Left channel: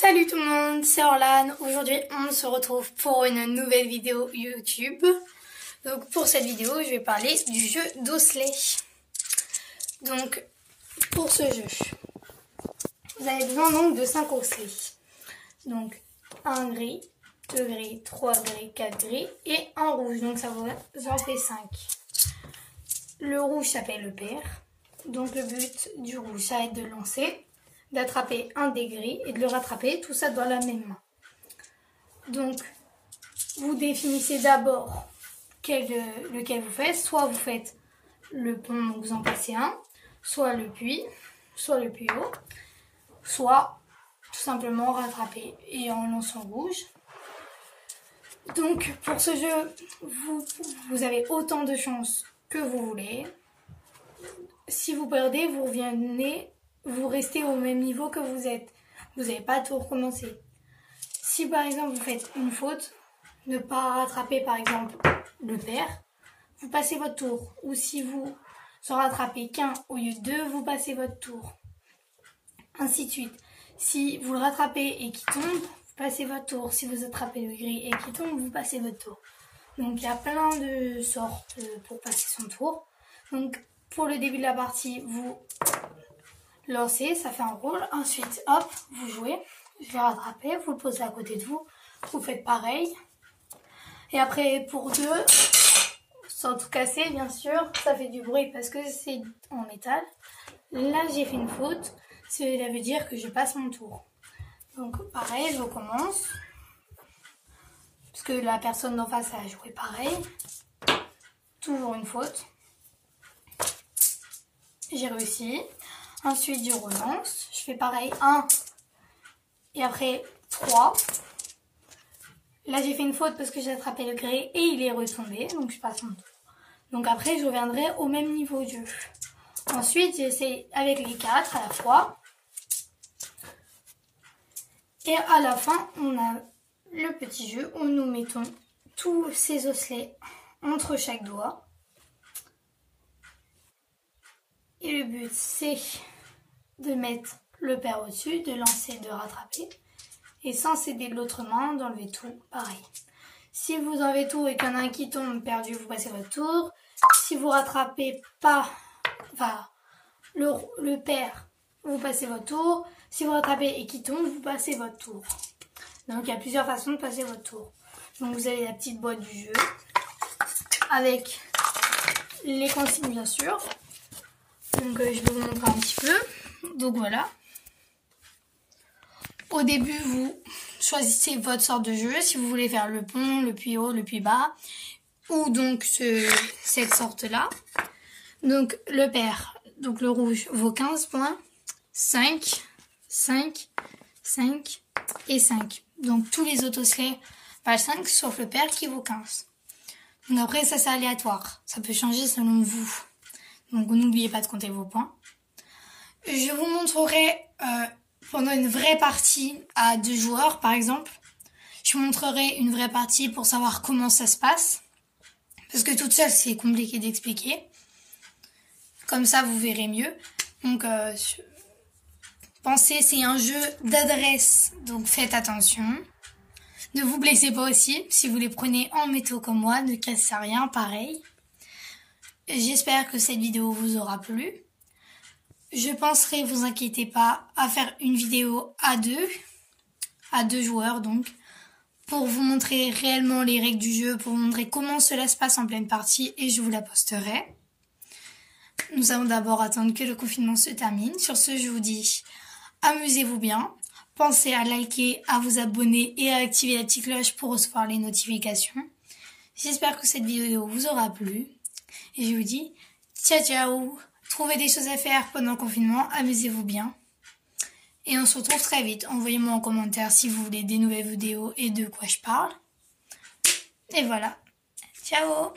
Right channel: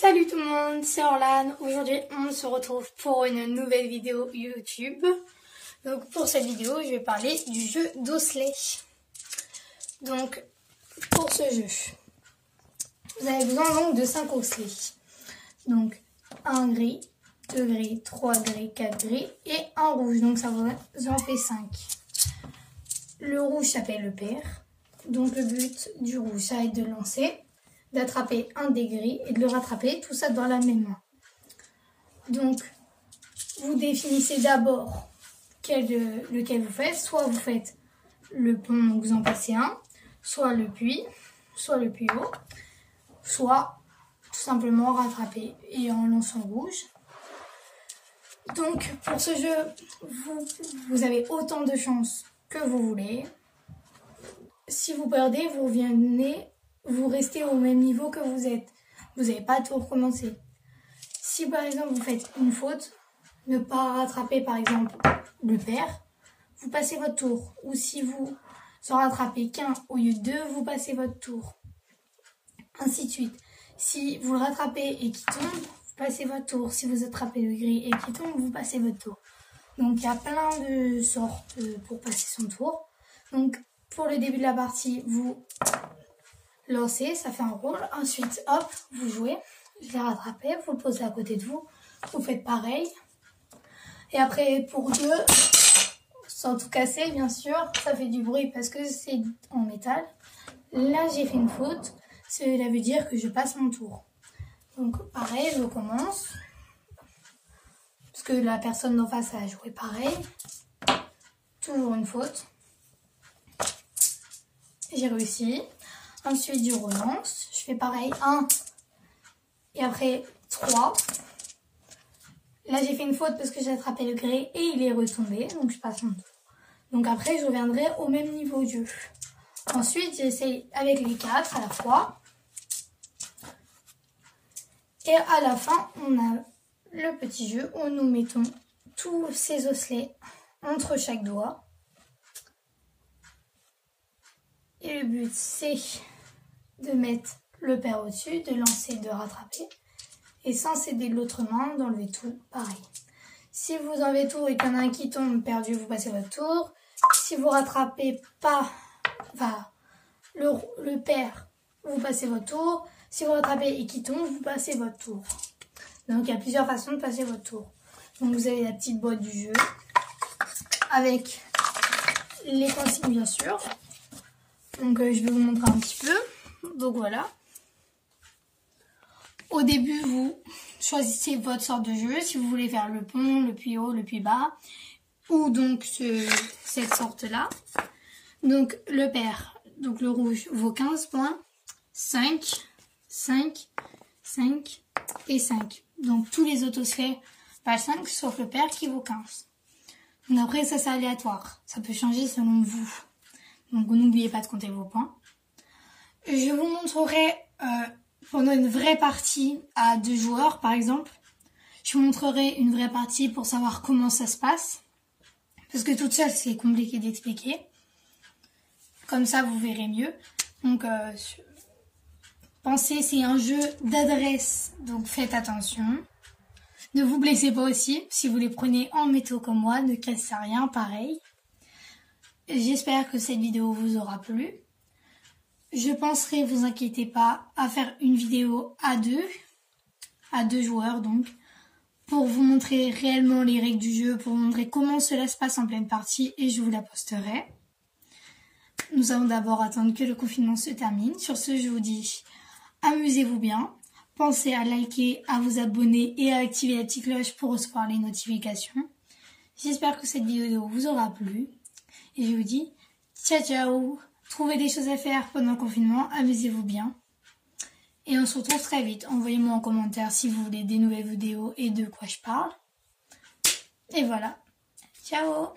Salut tout le monde, c'est Orlan. Aujourd'hui on se retrouve pour une nouvelle vidéo YouTube. Donc pour cette vidéo je vais parler du jeu d'osselets. Donc pour ce jeu, vous avez besoin donc de 5 osselets. Donc 1 gris, 2 gris, 3 gris, 4 gris et un rouge. Donc ça vous en fait 5. Le rouge s'appelle le pair. Donc le but du rouge ça va être de lancer, d'attraper un des gris et de le rattraper, tout ça dans la même main. Donc, vous définissez d'abord lequel vous faites. Soit vous faites le pont, donc vous en passez un, soit le puits, soit le puits haut, soit tout simplement rattraper et en lançant rouge. Donc, pour ce jeu, vous avez autant de chances que vous voulez. Si vous perdez, vous restez au même niveau que vous êtes. Vous n'avez pas tout recommencer. Si par exemple vous faites une faute, ne pas rattraper par exemple le pair, vous passez votre tour. Ou si vous en rattrapez qu'un au lieu de deux, vous passez votre tour. Ainsi de suite. Si vous le rattrapez et qu'il tombe, vous passez votre tour. Si vous attrapez le gris et qu'il tombe, vous passez votre tour. Donc il y a plein de sortes pour passer son tour. Donc pour le début de la partie, vous lancez, ça fait un rôle. Ensuite, hop, vous jouez. Je vais rattraper, vous le posez à côté de vous. Vous faites pareil. Et après, pour deux, sans tout casser, bien sûr, ça fait du bruit parce que c'est en métal. Là, j'ai fait une faute. Cela veut dire que je passe mon tour. Donc, pareil, je recommence. Parce que la personne d'en face a joué pareil. Toujours une faute. J'ai réussi. Ensuite, je relance. Je fais pareil. 1. Et après, 3. Là, j'ai fait une faute parce que j'ai attrapé le gris et il est retombé. Donc, je passe mon tour. Donc, après, je reviendrai au même niveau de jeu. Ensuite, j'essaie avec les 4 à la fois. Et à la fin, on a le petit jeu où nous mettons tous ces osselets entre chaque doigt. Et le but, c'est de mettre le pair au-dessus, de lancer, de rattraper. Et sans céder de l'autre main, d'enlever tout, pareil. Si vous enlevez tout et qu'il y en a un qui tombe perdu, vous passez votre tour. Si vous rattrapez pas, le pair, vous passez votre tour. Si vous rattrapez et qu'il tombe, vous passez votre tour. Donc il y a plusieurs façons de passer votre tour. Donc vous avez la petite boîte du jeu, avec les consignes bien sûr. Donc je vais vous montrer un petit peu. Donc voilà. Au début, vous choisissez votre sorte de jeu. Si vous voulez faire le pont, le puits haut, le puits bas. Ou donc cette sorte-là. Donc le pair, donc le rouge vaut 15 points. 5, 5, 5 et 5. Donc tous les autres osselets valent 5 sauf le pair qui vaut 15. Donc après ça c'est aléatoire. Ça peut changer selon vous. Donc n'oubliez pas de compter vos points. Je vous montrerai pendant une vraie partie à 2 joueurs par exemple. Je vous montrerai une vraie partie pour savoir comment ça se passe. Parce que toute seule c'est compliqué d'expliquer. Comme ça vous verrez mieux. Donc pensez, c'est un jeu d'adresse. Donc faites attention. Ne vous blessez pas aussi. Si vous les prenez en métaux comme moi, ne cassez rien, pareil. J'espère que cette vidéo vous aura plu. Je penserai, vous inquiétez pas, à faire une vidéo à deux joueurs donc, pour vous montrer réellement les règles du jeu, pour vous montrer comment cela se passe en pleine partie et je vous la posterai. Nous allons d'abord attendre que le confinement se termine. Sur ce, je vous dis, amusez-vous bien. Pensez à liker, à vous abonner et à activer la petite cloche pour recevoir les notifications. J'espère que cette vidéo vous aura plu. Et je vous dis, ciao ciao. Trouvez des choses à faire pendant le confinement, amusez-vous bien. Et on se retrouve très vite. Envoyez-moi en commentaire si vous voulez des nouvelles vidéos et de quoi je parle. Et voilà. Ciao.